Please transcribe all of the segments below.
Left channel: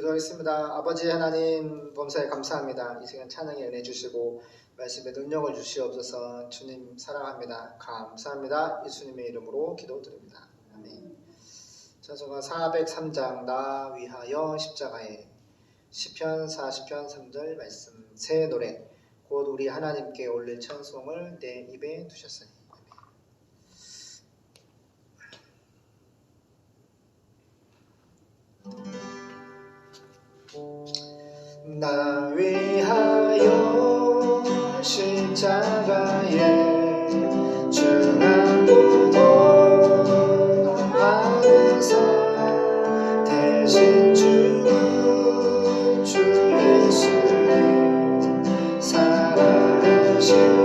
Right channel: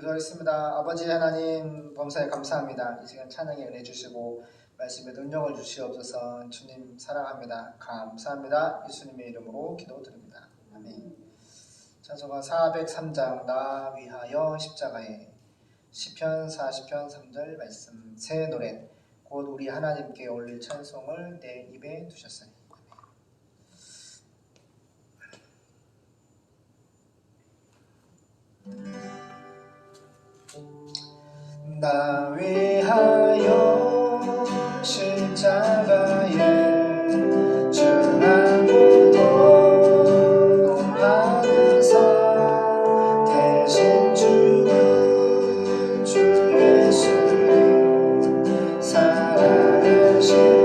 기도하겠습니다. 아버지 하나님 범사에 감사합니다. 이 시간 찬양에 은혜 주시고 말씀에 능력을 주시옵소서. 주님 사랑합니다. 감사합니다. 예수님의 이름으로 기도드립니다. 아멘. 찬송가 403장 나 위하여 십자가에 시편 40편 3절 말씀 새 노래 곧 우리 하나님께 올릴 찬송을 내 입에 두셨으니. 나 위하여 십자가에 중하고도 받으사 대신 죽은 주 예수님 사랑하신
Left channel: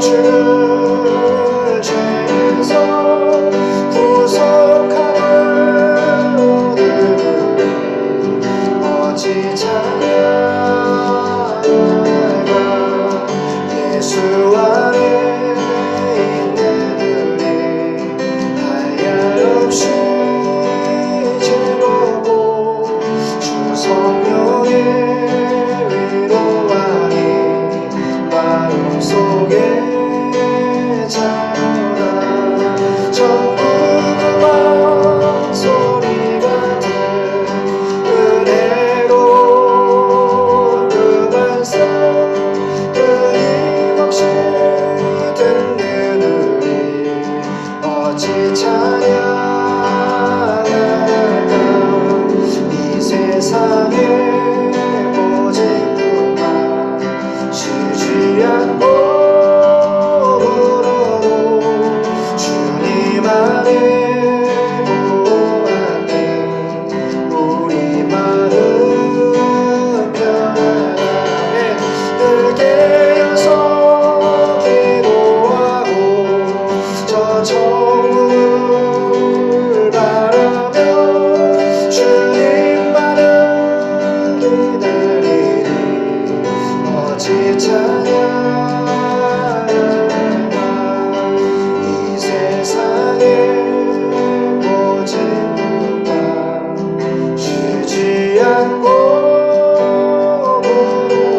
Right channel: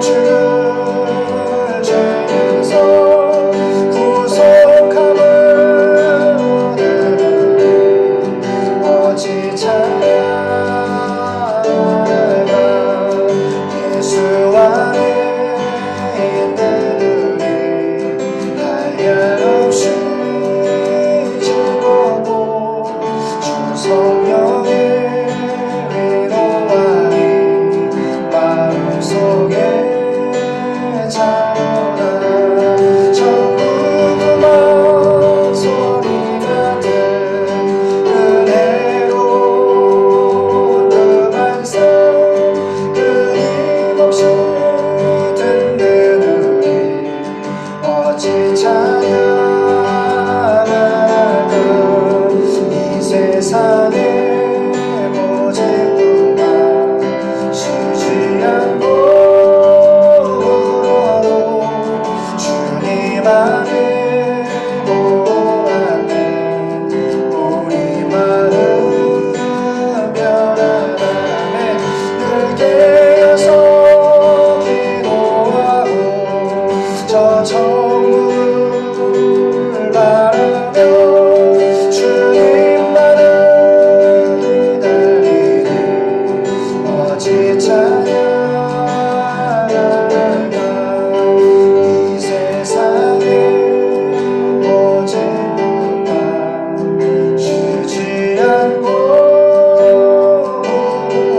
주를 죄에서 구속함을 들으니 어찌 찬양할까. 예수 안에 있는 은혜 한량없이 즐겁고 주 성령의 위로만이 마음속에 참여다. 천국음악 소리 같은 은혜로운 그 말씀 끊임없이 듣는 우리 어찌 찬양할까. 이 세상의 모든 것만 쉬지 않고 울어도 주님 안에 보호받는 우리 마음 편안함에 늘 깨어서 기도하고 저 천국을 바라며 주님만을 기다리니 어찌 찬양할까. 이 세상의 모든 것만 쉬지 않고 물어도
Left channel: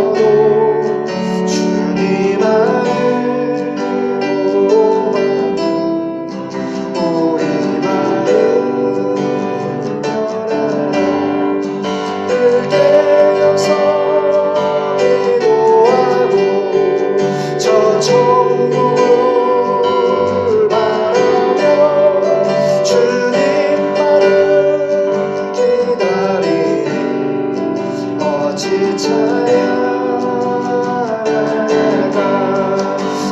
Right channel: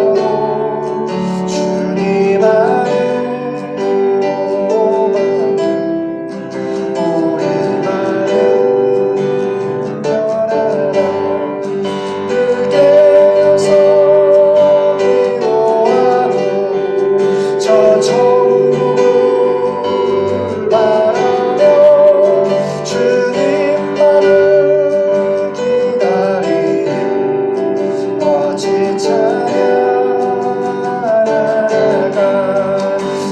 주님 안에 보호받는 우리 마음 편안함. 늘 깨어서 기도하고 저 천국을 바라며 주님만을 기다리니 어찌 찬양할까.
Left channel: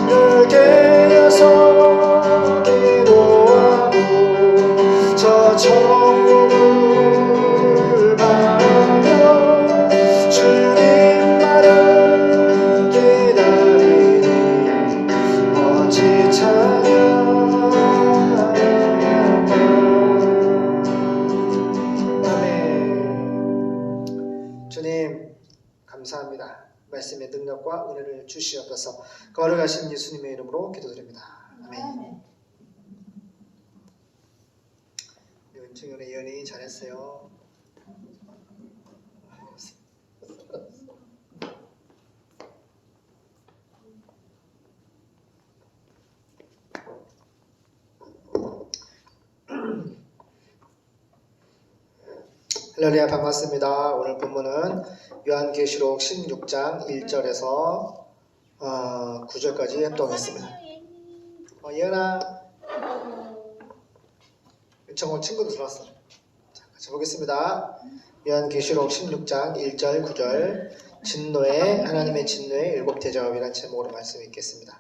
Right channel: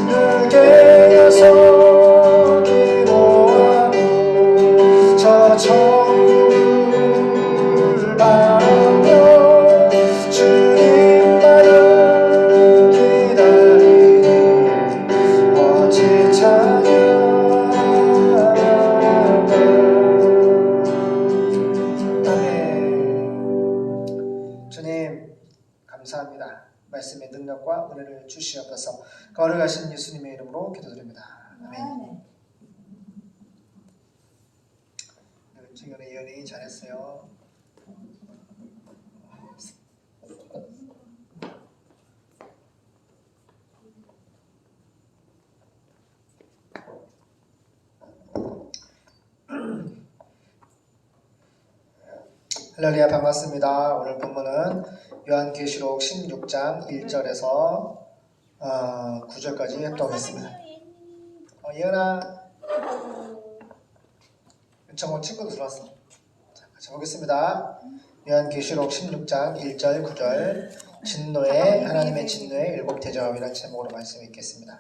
늘 깨어서 기도하고 저 천국을 바라며 주님만을 기다리니 어찌 찬양할까. 아멘. 주님 감사합니다. 말씀의 능력과 은혜를 주시옵소서. 거룩하신 예수님의 이름으로 기도드립니다. 아멘. 은총연의 예언이 잘했어요. 할렐루야, 반갑습니다. 오늘 본문은 요한계시록 16장 1절에서 9절까지 합독했습니다. 예은아, 윤창원 친구도 들어왔어. 자, 같이 보겠습니다. 요한계시록 16장 1절 9절 진노의 하나님의 진노의 일곱 대접이라는 제목으로 말씀 읽겠습니다.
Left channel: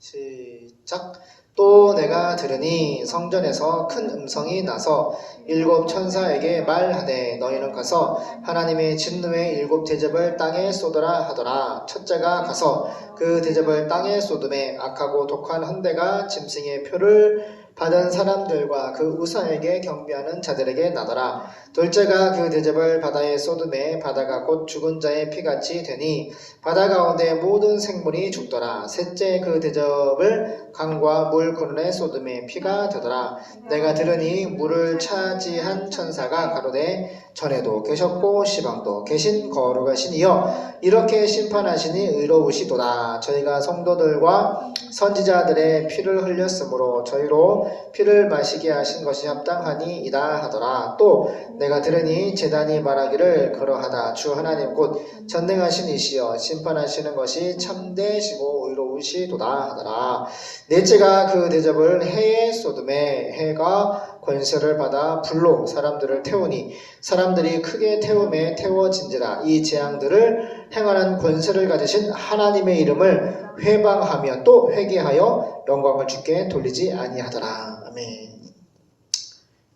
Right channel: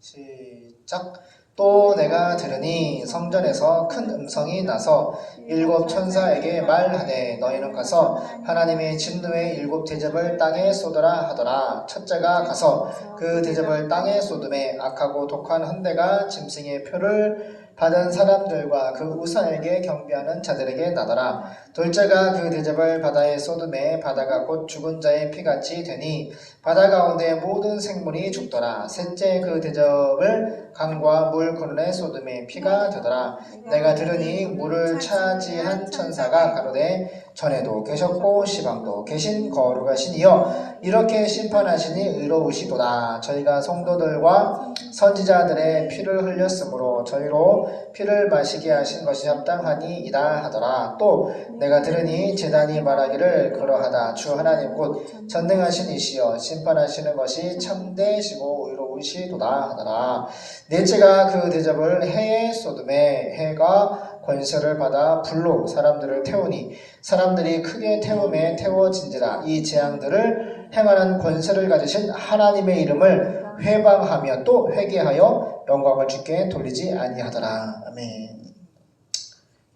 시작. 또 내가 들으니 성전에서 큰 음성이 나서 일곱 천사에게 말하되 너희는 가서 하나님의 진노의 일곱 대접을 땅에 쏟으라 하더라. 첫째가 가서 그 대접을 땅에 쏟음에 악하고 독한 헌대가 짐승의 표를 받은 사람들과 그 우사에게 경배하는 자들에게 나더라. 둘째가 그 대접을 바다에 쏟음에 바다가 곧 죽은 자의 피같이 되니 바다 가운데 모든 생물이 죽더라. 셋째 그 대접을 강과 물 근원에 쏟음에 피가 되더라. 내가 들으니 물을 차지한 천사가 가로되 전에도 계셨고 시방도 계신 거룩하신 이여 이렇게 심판하시니 의로우시도다. 저희가 성도들과 선지자들의 피를 흘렸으므로 저희로 피를 마시게 하신 것이 합당하니이다 하더라. 또 내가 들으니 제단이 말하기를 그러하다. 주 하나님 곧 전능하신 이시여 심판하시는 것이 참되시고 의로우시도다 하더라. 넷째가 그 대접을 해에 쏟음에 해가 권세를 받아 불로 사람들을 태우니 사람들이 크게 태움에 태워진지라. 이 재앙들을 행하는 권세를 가지신 하나님의 이름을 회방하며 또 회개하여 영광을 주께 돌리지 아니하더라. 아멘.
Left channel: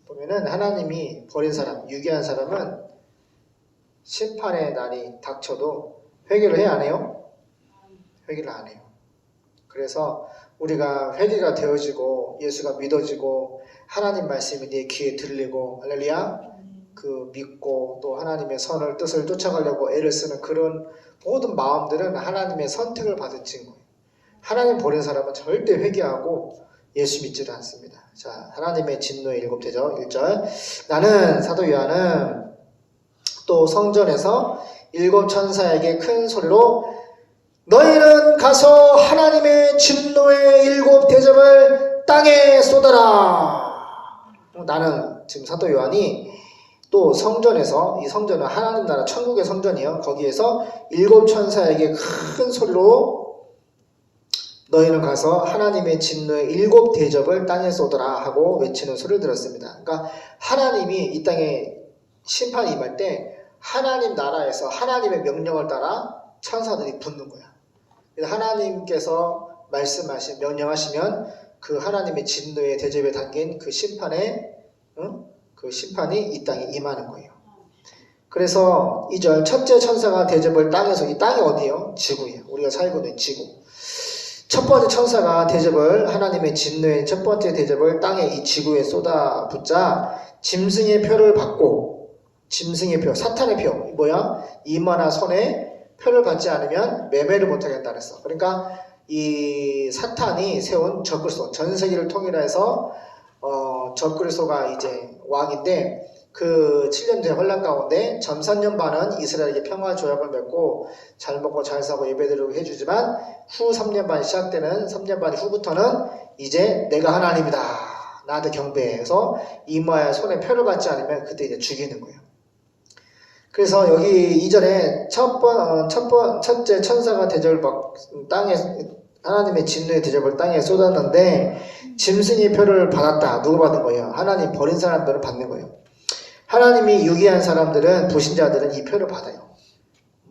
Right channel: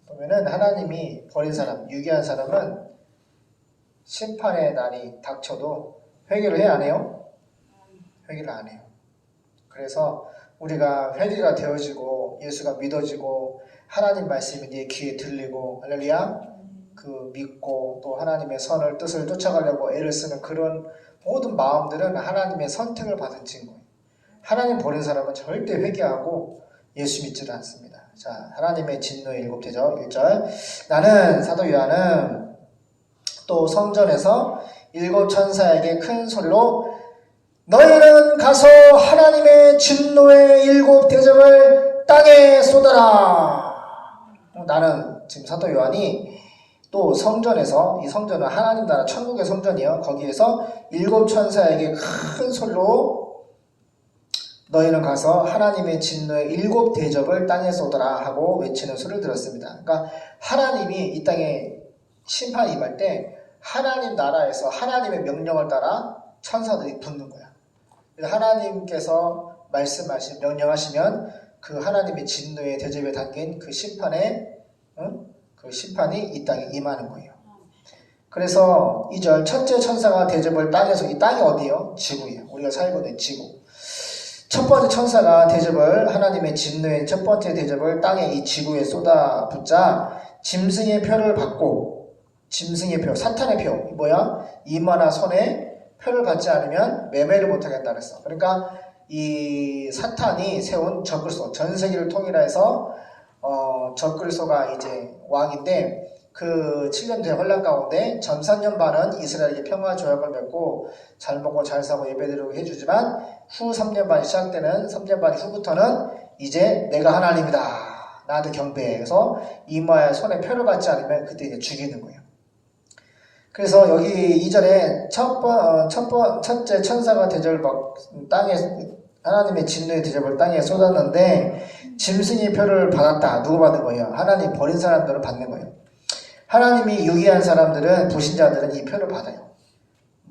보면은 하나님이 버린 사람, 유기한 사람은 심판의 날이 닥쳐도 회개를 해 안 해요? 회개를 안 해요. 그래서 우리가 회개가 되어지고 예수가 믿어지고 하나님 말씀이 내 귀에 들리고 할렐루야 그 믿고 또 하나님의 선을 뜻을 쫓아가려고 애를 쓰는 그런 모든 마음들은 하나님의 선택을 받은 친구예요. 하나님 보낸 사람은 절대 회개하고 예수 믿지를 않습니다. 자, 하나님의 진노의 7대접 1절 나는 사도 요한은 또 성전에서 7 천사에게 큰 소리로 너희는 가서 하나님의 진노의 7 대접을 땅에 쏟아라. 나는 지금 사도 요한이 또 성전에서 이 성전은 하나님 나라 천국의 성전이에요. 거기에서 7 천사에게 큰 소리로 너희는 가서 하나님의 진노의 7 대접을 땅에 쏟아라 하고 외치는 소리를 들었습니다. 그러니까 하나님이 이 땅에 심판이 임할 때 하나님 나라에서 하나님의 명령을 따라 천사들이 붙는 거야. 하나님께서 말씀하신 명령하시면 그 하나님의 진노의 대접에 담긴 그 심판에 그 심판이 이 땅에 임하는 거예요. 그래서 2절 첫째 천사가 대접을 땅에서 이 땅이 어디예요? 지구예요. 우리가 살고 있는 지구. 첫 번째 천사가 대접을 하나님의 진노의 첫 번째 대접을 땅에 이 지구에 쏟아붓자 짐승의 표를 받고 짐승의 표, 사탄의 표 뭐야? 이마나 손에 표를 받지 않으면 매매를 못하겠다 그랬어. 그러니까 이 사탄이 세운 적그리스도 전 세계를 통일해서 적그리스도가 이제 왕인데 그 7년대 혼란 가운데 전 3년 반은 이스라엘에게 평화 조약을 맺고 잘 먹고 잘 사고 예배드리고 해주지만 후 3년 반 시작되는 3년 반 후부터는 이제 내가 하나님이다 나한테 경배해서 이마에 손에 표를 받지 않으면 그때 이제 죽이는 거예요. 그래서 여기 2절에 첫째 천사가 대접을 땅에 하나님의 진노의 대접을 땅에 쏟았는데 짐승의 표를 받았다. 누구 받은 거예요? 하나님 버린 사람들은 받는 거예요. 하나님이 유기한 사람들은 불신자들은 이 표를 받아요.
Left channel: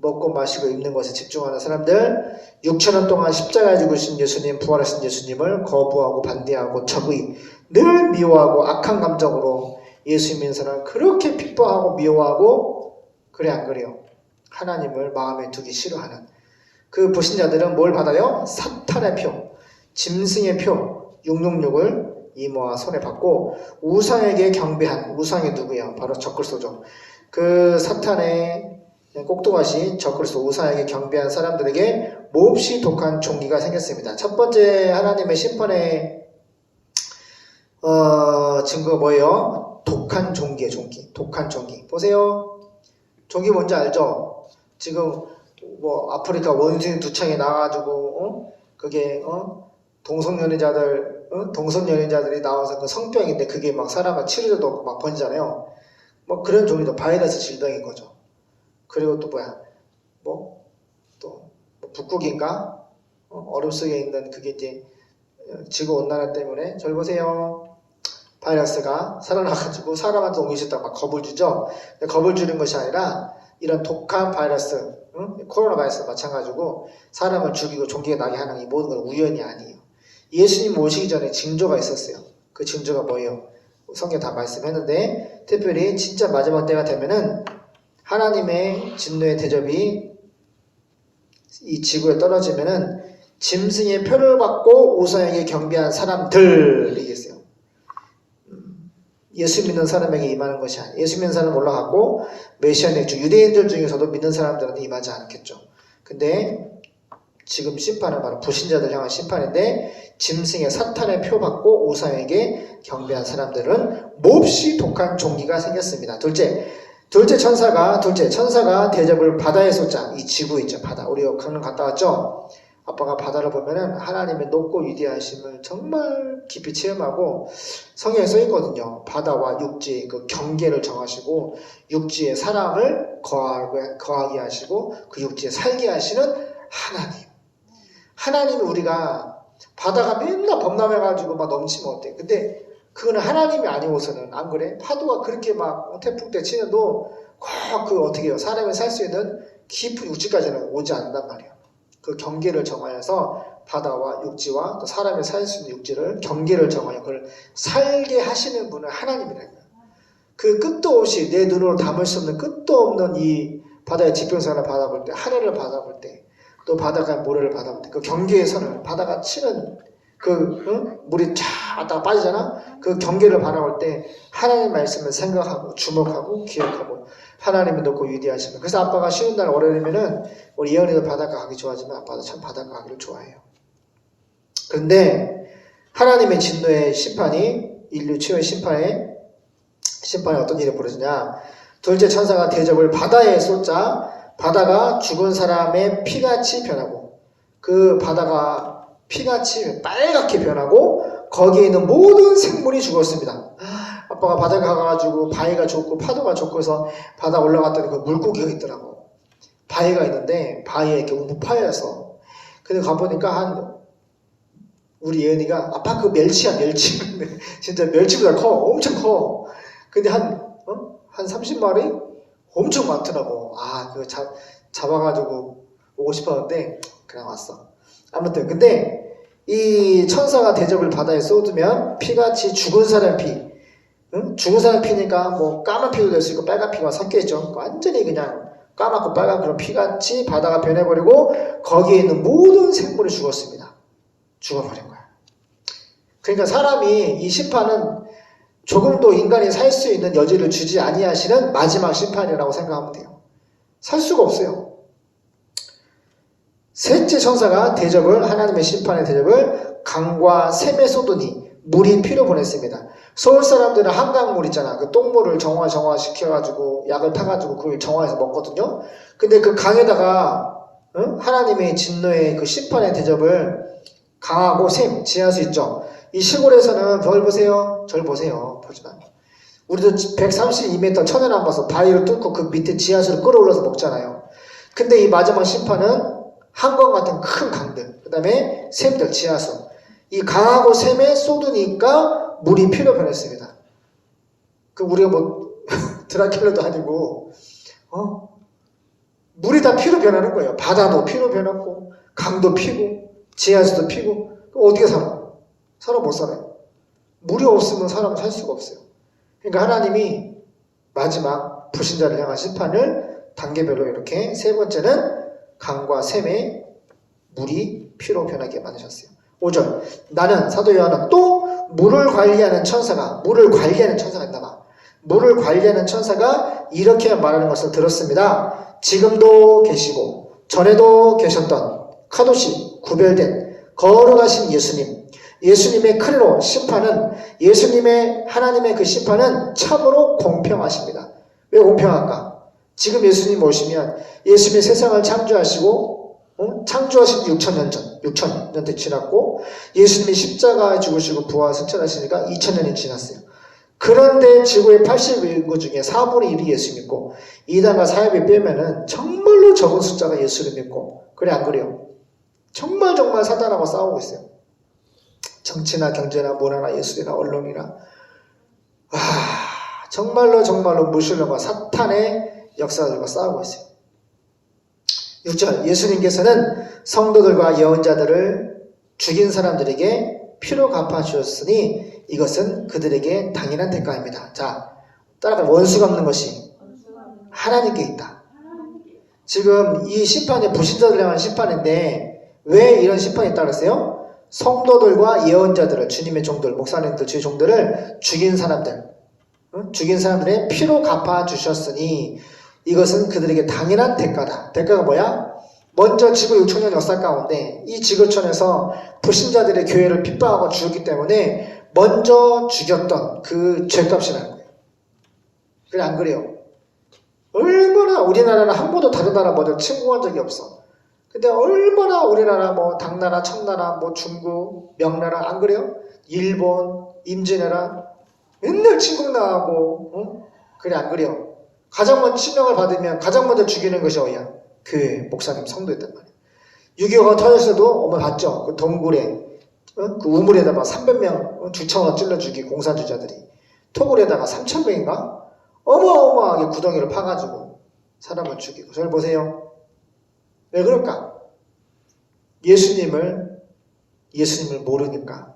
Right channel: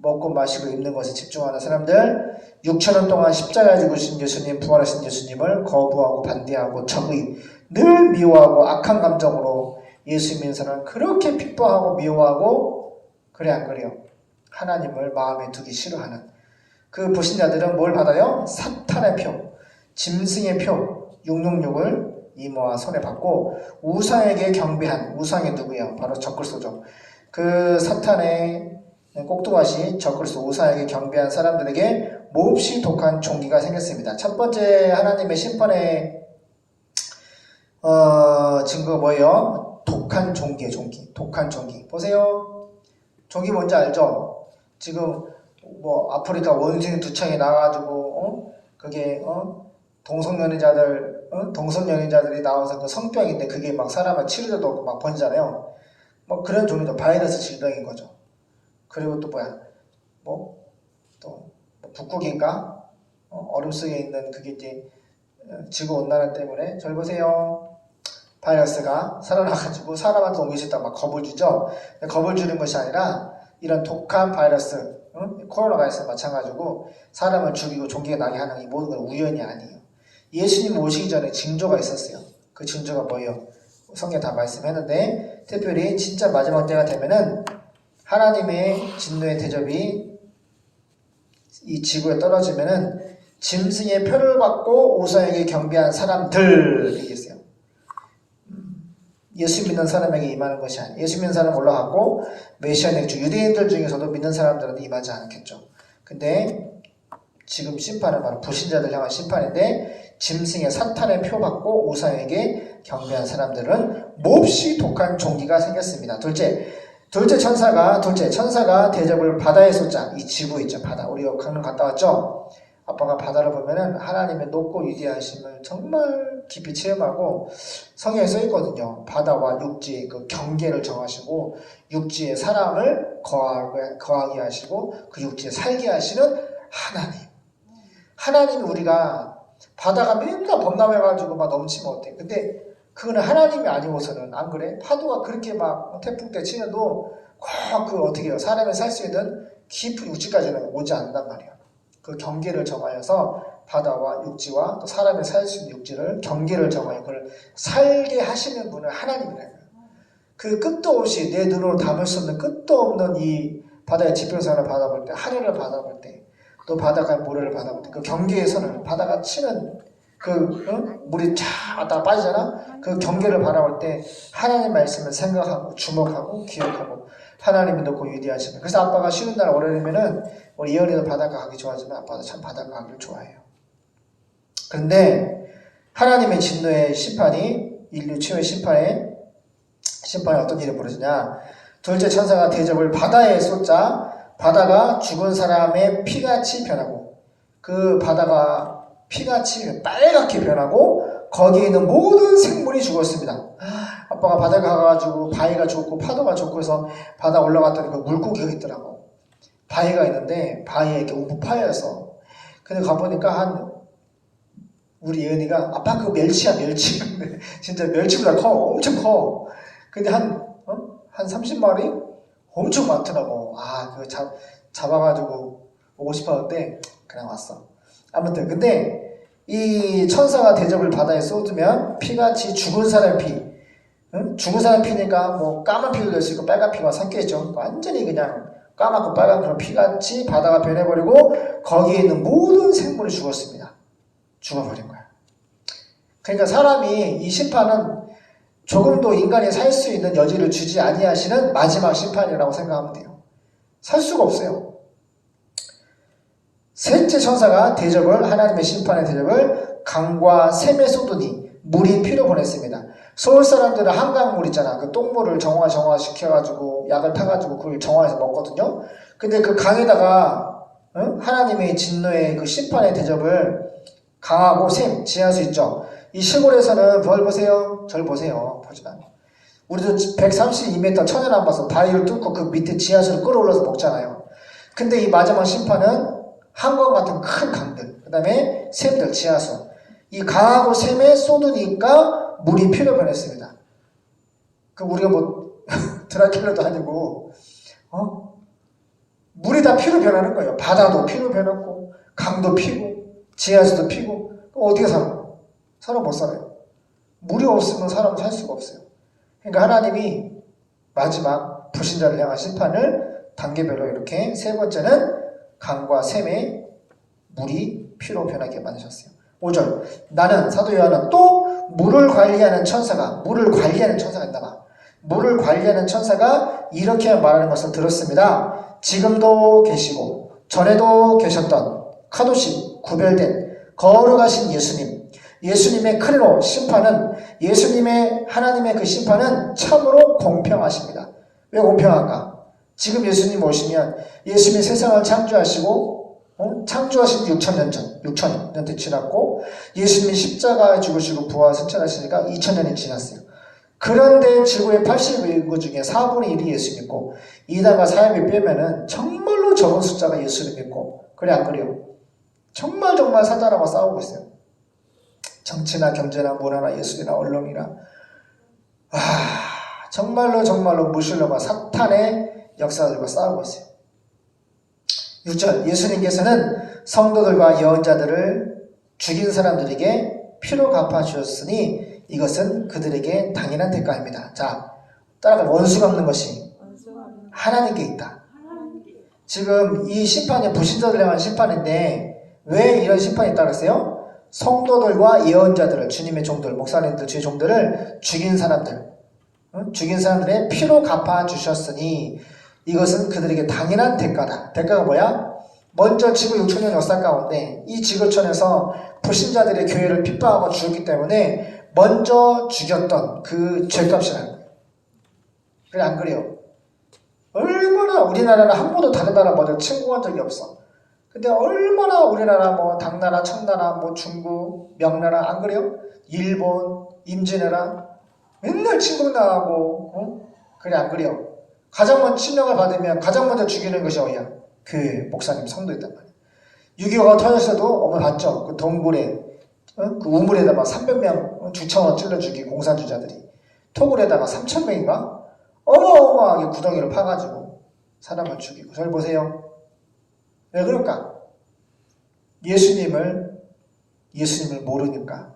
먹고 마시고 입는 것에 집중하는 사람들 6,000년 동안 십자가에 죽으신 예수님 부활하신 예수님을 거부하고 반대하고 적의 늘 미워하고 악한 감정으로 예수 믿는 사람을 그렇게 핍박하고 미워하고 그래 안 그래요? 하나님을 마음에 두기 싫어하는 그 불신자들은 뭘 받아요? 사탄의 표, 짐승의 표 666을 이마와 손에 받고 우상에게 경배한 우상이 누구예요? 바로 적그리스도죠. 그 사탄의 꼭두가시 적그리스도 우상에게 경배한 사람들에게 몹시 독한 종기가 생겼습니다. 첫 번째 하나님의 심판의 증거가 뭐예요? 독한 종기예요. 독한 종기. 보세요. 종기 뭔지 알죠? 지금 뭐 아프리카 원숭이 두 창이 나와가지고 그게 동성연애자들이 나와서 그 성병인데 그게 막 사람을 치료제도 없고 막 번지잖아요. 뭐 그런 종류도 바이러스 질병인 거죠. 그리고 또 뭐야? 또 북극인가? 얼음 속에 있는 그게 이제 지구 온난화 때문에 저기 보세요. 바이러스가 살아나가지고 사람한테 옮길 수 있다고 막 겁을 주죠. 근데 겁을 주는 것이 아니라 이런 독한 바이러스, 코로나 바이러스 마찬가지고 사람을 죽이고 종기가 나게 하는 이 모든 건 우연이 아니에요. 예수님 오시기 전에 징조가 있었어요. 그 징조가 뭐예요? 성경 다 말씀했는데 특별히 진짜 마지막 때가 되면은 하나님의 진노의 대접이 이 지구에 떨어지면은 짐승의 표를 받고 우상에게 경배한 사람들 얘기했어요. 예수 믿는 사람에게 임하는 것이 아니에요. 예수 믿는 사람은 올라갔고 메시아닉 중 유대인들 중에서도 믿는 사람들은 임하지 않겠죠. 근데 지금 심판은 바로 불신자들 향한 심판인데 짐승의 사탄의 표 받고 우상에게 경배한 사람들은 몹시 독한 종기가 생겼습니다. 둘째 천사가 대접을 바다에 쏟자. 이 지구 있죠, 바다. 우리가 강릉 갔다 왔죠? 아빠가 바다를 보면은 하나님의 높고 위대하심을 정말 깊이 체험하고 성경에 써 있거든요. 바다와 육지 그 경계를 정하시고 육지에 사람을 거하게 하시고 그 육지에 살게 하시는 하나님. 하나님이 우리가 바다가 맨날 범람해가지고 막 넘치면 어때? 근데 그거는 하나님이 아니고서는 안 그래? 파도가 그렇게 막 태풍 때 치는도 꼭 어떻게 해요? 사람이 살 수 있는 깊은 육지까지는 오지 않는단 말이에요. 그 경계를 정하여서 바다와 육지와 또 사람이 살 수 있는 육지를 경계를 정하여 그걸 살게 하시는 분은 하나님이라는 거예요. 그 끝도 없이 내 눈으로 담을 수 없는 끝도 없는 이 바다의 지평선을 바라볼 때 하늘을 바라볼 때 또 바다가 모래를 받아볼 때 그 경계의 선을 바다가 치는 물이 쫙 왔다가 빠지잖아. 그 경계를 바라볼 때 하나님 말씀을 생각하고 주목하고 기억하고 하나님이 높고 위대하시면. 그래서 아빠가 쉬는 날 오래 되면은 우리 예언이도 바닷가 가기 좋아하지만 아빠도 참 바닷가 가기를 좋아해요. 그런데 하나님의 진노의 심판이 인류 최후의 심판에 어떤 일이 벌어지냐. 둘째 천사가 대접을 바다에 쏟자 바다가 죽은 사람의 피같이 변하고 그 바다가 피같이 빨갛게 변하고 거기에 있는 모든 생물이 죽었습니다. 아빠가 바다에 가가지고 바위가 좋고 파도가 좋고 해서 바다 올라갔더니 그 물고기가 있더라고. 바위가 있는데 바위에 이렇게 우파여서 근데 가보니까 우리 예은이가 아빠 그 멸치야 멸치 진짜 멸치보다 커 엄청 커. 근데 한 30마리 엄청 많더라고. 그거 잡아가지고 오고 싶었는데 그냥 왔어. 아무튼 근데 이 천사가 대접을 바다에 쏟으면 피같이 죽은 사람 피, 죽은 사람 피니까 뭐 까만 피도 될 수 있고 빨간 피가 섞여있죠. 완전히 그냥 까맣고 빨간 그런 피같이 바다가 변해버리고 거기에 있는 모든 생물이 죽었습니다. 죽어버린 거야. 그러니까 사람이 이 심판은 조금도 인간이 살 수 있는 여지를 주지 아니하시는 마지막 심판이라고 생각하면 돼요. 살 수가 없어요. 셋째 천사가 하나님의 심판의 대접을 강과 샘에 쏟으니 물이 피로 보냈습니다. 서울 사람들은 한강물 있잖아. 그 똥물을 정화시켜가지고 약을 타가지고 그걸 정화해서 먹거든요. 근데 그 강에다가 하나님의 진노의 그 심판의 대접을 강하고 샘, 지하수 있죠. 이 시골에서는 뭘 보세요? 절 보세요. 보지 마. 우리도 132m 천연함 봐서 바위를 뚫고 그 밑에 지하수를 끌어올려서 먹잖아요. 근데 이 마지막 심판은 한강 같은 큰 강들, 그 다음에 샘들, 지하수. 이 강하고 샘에 쏟으니까 물이 피로 변했습니다. 우리가 뭐 드라큘라도 아니고 물이 다 피로 변하는 거예요. 바다도 피로 변하고 강도 피고 지하수도 피고 어떻게 살아? 사람 못 살아요. 물이 없으면 사람은 살 수가 없어요. 그러니까 하나님이 마지막 불신자를 향한 심판을 단계별로 이렇게 세 번째는 강과 샘에 물이 피로 변하게 만드셨어요. 5절 나는 사도 요한은 또 물을 관리하는 천사가 있나봐. 물을 관리하는 천사가 이렇게 말하는 것을 들었습니다. 지금도 계시고 전에도 계셨던 카도시 구별된 거룩하신 예수님의 크리로 심판은 하나님의 그 심판은 참으로 공평하십니다. 왜 공평한가? 지금 예수님 오시면 예수님이 세상을 창조하시고 창조하신 지 6,000년 지났고 예수님이 십자가에 죽으시고 부활 승천하시니까 2,000년이 지났어요. 그런데 지구의 80인구 중에 4분의 1이 예수 믿고 이단과 사협이 빼면은 정말로 적은 숫자가 예수를 믿고 그래 안 그래요? 정말 사단하고 싸우고 있어요. 정치나 경제나 문화나 예술이나 언론이나 정말로 무신론과 사탄의 역사들과 싸우고 있어요. 6절 예수님께서는 성도들과 예언자들을 죽인 사람들에게 피로 갚아주셨으니 이것은 그들에게 당연한 대가입니다. 자, 따라가 원수가 없는 것이 하나님께 있다. 지금 이 심판이 불신자들에 관한 심판인데 왜 이런 심판이 따랐어요? 성도들과 예언자들을 주님의 종들, 목사님들, 주의 종들을 죽인 사람들의 피로 갚아주셨으니 이것은 그들에게 당연한 대가다. 대가가 뭐야? 먼저 지구 6,000년 역사 가운데 이 지구촌에서 불신자들의 교회를 핍박하고 죽였기 때문에 먼저 죽였던 그 죄값이라는 거예요. 그게 안 그래요? 얼마나 우리나라는 한 번도 다른 나라 먼저 침공한 적이 없어. 근데 얼마나 우리나라 뭐 당나라, 청나라, 뭐 중국, 명나라 안 그래요? 일본, 임진왜란 맨날 침공당하고 그래 안 그래요? 가장 먼저 치명을 받으면 가장 먼저 죽이는 것이 어디야? 교회, 목사님, 성도였단 말이야. 6.25가 터졌어도 어머 봤죠? 그 동굴에 그 우물에다가 막 300명 주차원 찔러 죽이고 공산주의자들이 토굴에다가 3,000명인가? 어마어마하게 구덩이를 파가지고 사람을 죽이고. 저를 보세요. 왜 그럴까? 예수님을 모르니까.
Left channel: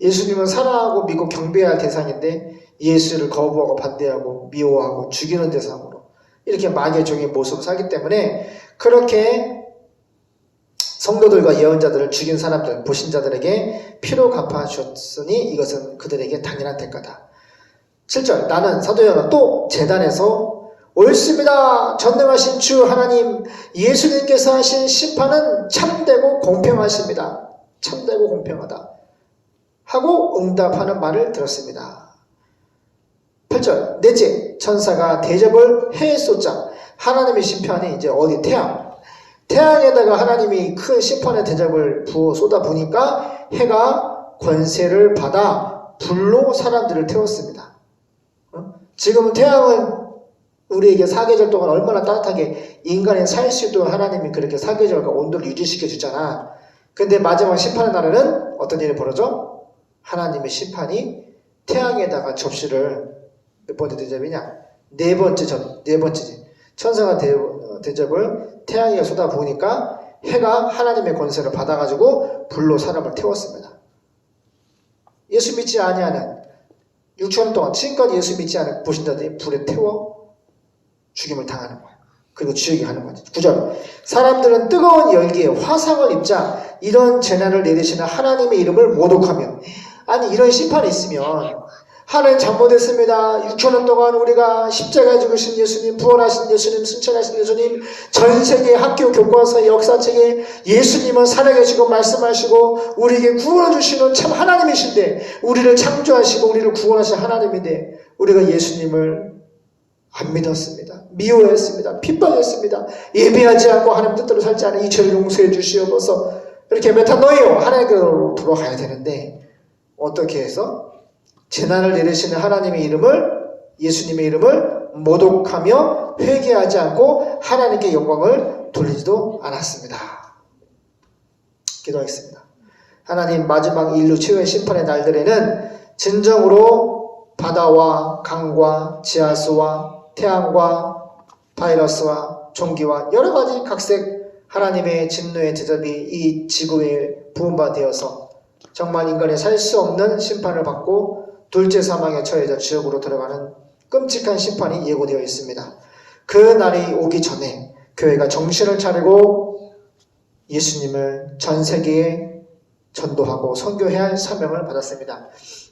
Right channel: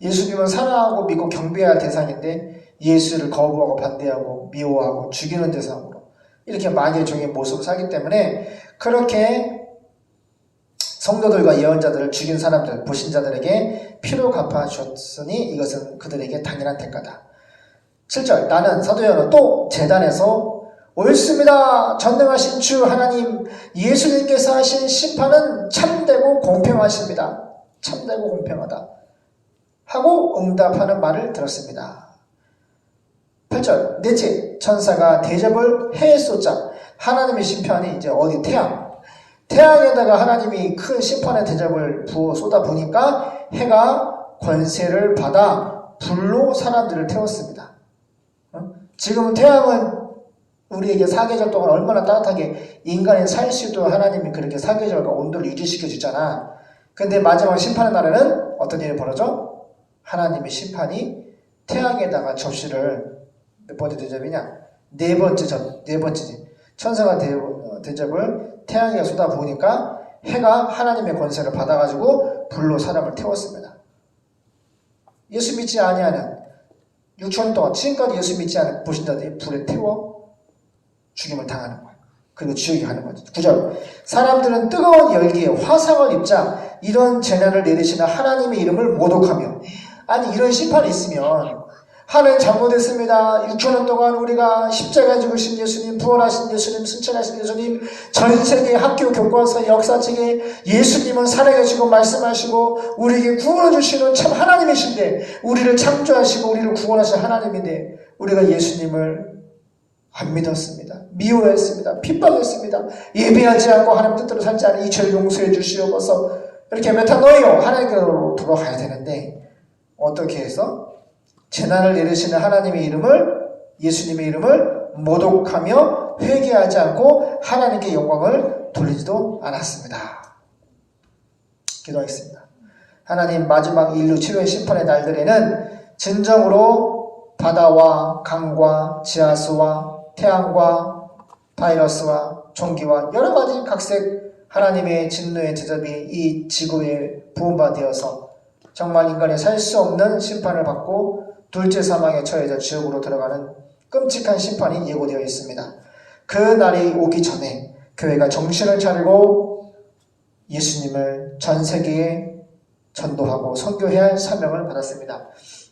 예수님은 사랑하고 믿고 경배해야 할 대상인데 예수를 거부하고 반대하고 미워하고 죽이는 대상으로 이렇게 마귀의 종의 모습을 살기 때문에 그렇게 성도들과 예언자들을 죽인 사람들, 불신자들에게 피로 갚아주었으니 이것은 그들에게 당연한 대가다. 7절 나는 사도 요한은 또 제단에서 옳습니다. 전능하신 주 하나님 예수님께서 하신 심판은 참되고 공평하십니다. 참되고 공평하다 하고 응답하는 말을 들었습니다. 8절 넷째 천사가 대접을 해에 쏟자 하나님의 심판이 이제 어디 태양에다가 하나님이 큰 심판의 대접을 부어 쏟아 부니까 해가 권세를 받아 불로 사람들을 태웠습니다. 지금 태양은 우리에게 사계절 동안 얼마나 따뜻하게 인간이 살 수 있도록 하나님이 그렇게 사계절과 온도를 유지시켜 주잖아. 근데 마지막 심판의 날에는 어떤 일이 벌어져? 하나님의 심판이 태양에다가 접시를 몇 번째 대접이냐? 네 번째지. 천사가 대접을 태양에 쏟아 부으니까 해가 하나님의 권세를 받아가지고 불로 사람을 태웠습니다. 예수 믿지 아니하는 6천 동안 지금까지 예수 믿지 않은 불신자들이 불에 태워 죽임을 당하는 거예요. 그리고 지옥에 가는 거죠. 9절 사람들은 뜨거운 열기에 화상을 입자 이런 재난을 내리시는 하나님의 이름을 모독하며 아니 이런 심판이 있으면 하나님 잘못했습니다. 6천년 동안 우리가 십자가에 죽으신 예수님, 부활하신 예수님, 승천하신 예수님, 전 세계 학교 교과서 역사책에 예수님은 살아계시고 말씀하시고 우리에게 구원해 주시는 참 하나님이신데 우리를 창조하시고 우리를 구원하신 하나님인데 우리가 예수님을 안 믿었습니다. 미워했습니다. 핍박했습니다. 예배하지 않고 하나님 뜻대로 살지 않은 이 죄를 용서해 주시옵소서. 이렇게 메타노이오 하나님께로 돌아가야 되는데 어떻게 해서 재난을 내리시는 하나님의 이름을 예수님의 이름을 모독하며 회개하지 않고 하나님께 영광을 돌리지도 않았습니다. 기도하겠습니다. 하나님 마지막 인류 최후의 심판의 날들에는 진정으로 바다와 강과 지하수와 태양과 바이러스와 종기와 여러가지 각색 하나님의 진노의 대접이 이 지구에 부음받아서 정말 인간이 살 수 없는 심판을 받고 둘째 사망에 처해져 지옥으로 들어가는 끔찍한 심판이 예고되어 있습니다. 그 날이 오기 전에 교회가 정신을 차리고 예수님을 전 세계에 전도하고 선교해야 할 사명을 받았습니다.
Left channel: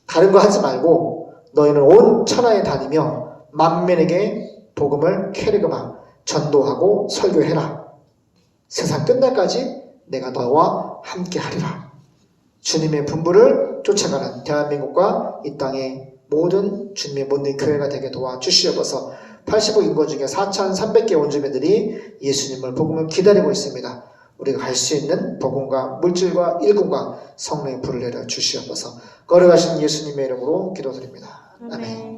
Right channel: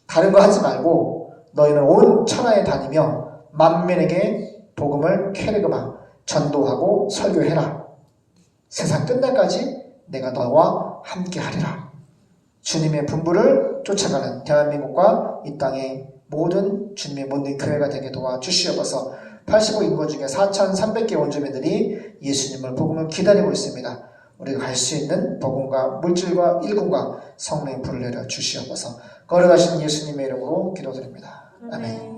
다른 거 하지 말고 너희는 온 천하에 다니며 만민에게 복음을 캐리그마 전도하고 설교해라. 세상 끝날까지 내가 너와 함께 하리라. 주님의 분부를 쫓아가는 대한민국과 이 땅의 모든 주님의 모든 교회가 되게 도와주시옵소서. 85 인구 중에 4,300개 원주민들이 예수님을 복음을 기다리고 있습니다. 우리가 갈 수 있는 복음과 물질과 일꾼과 성령의 불을 내려 주시옵소서. 걸어가신 예수님의 이름으로 기도드립니다. 아멘.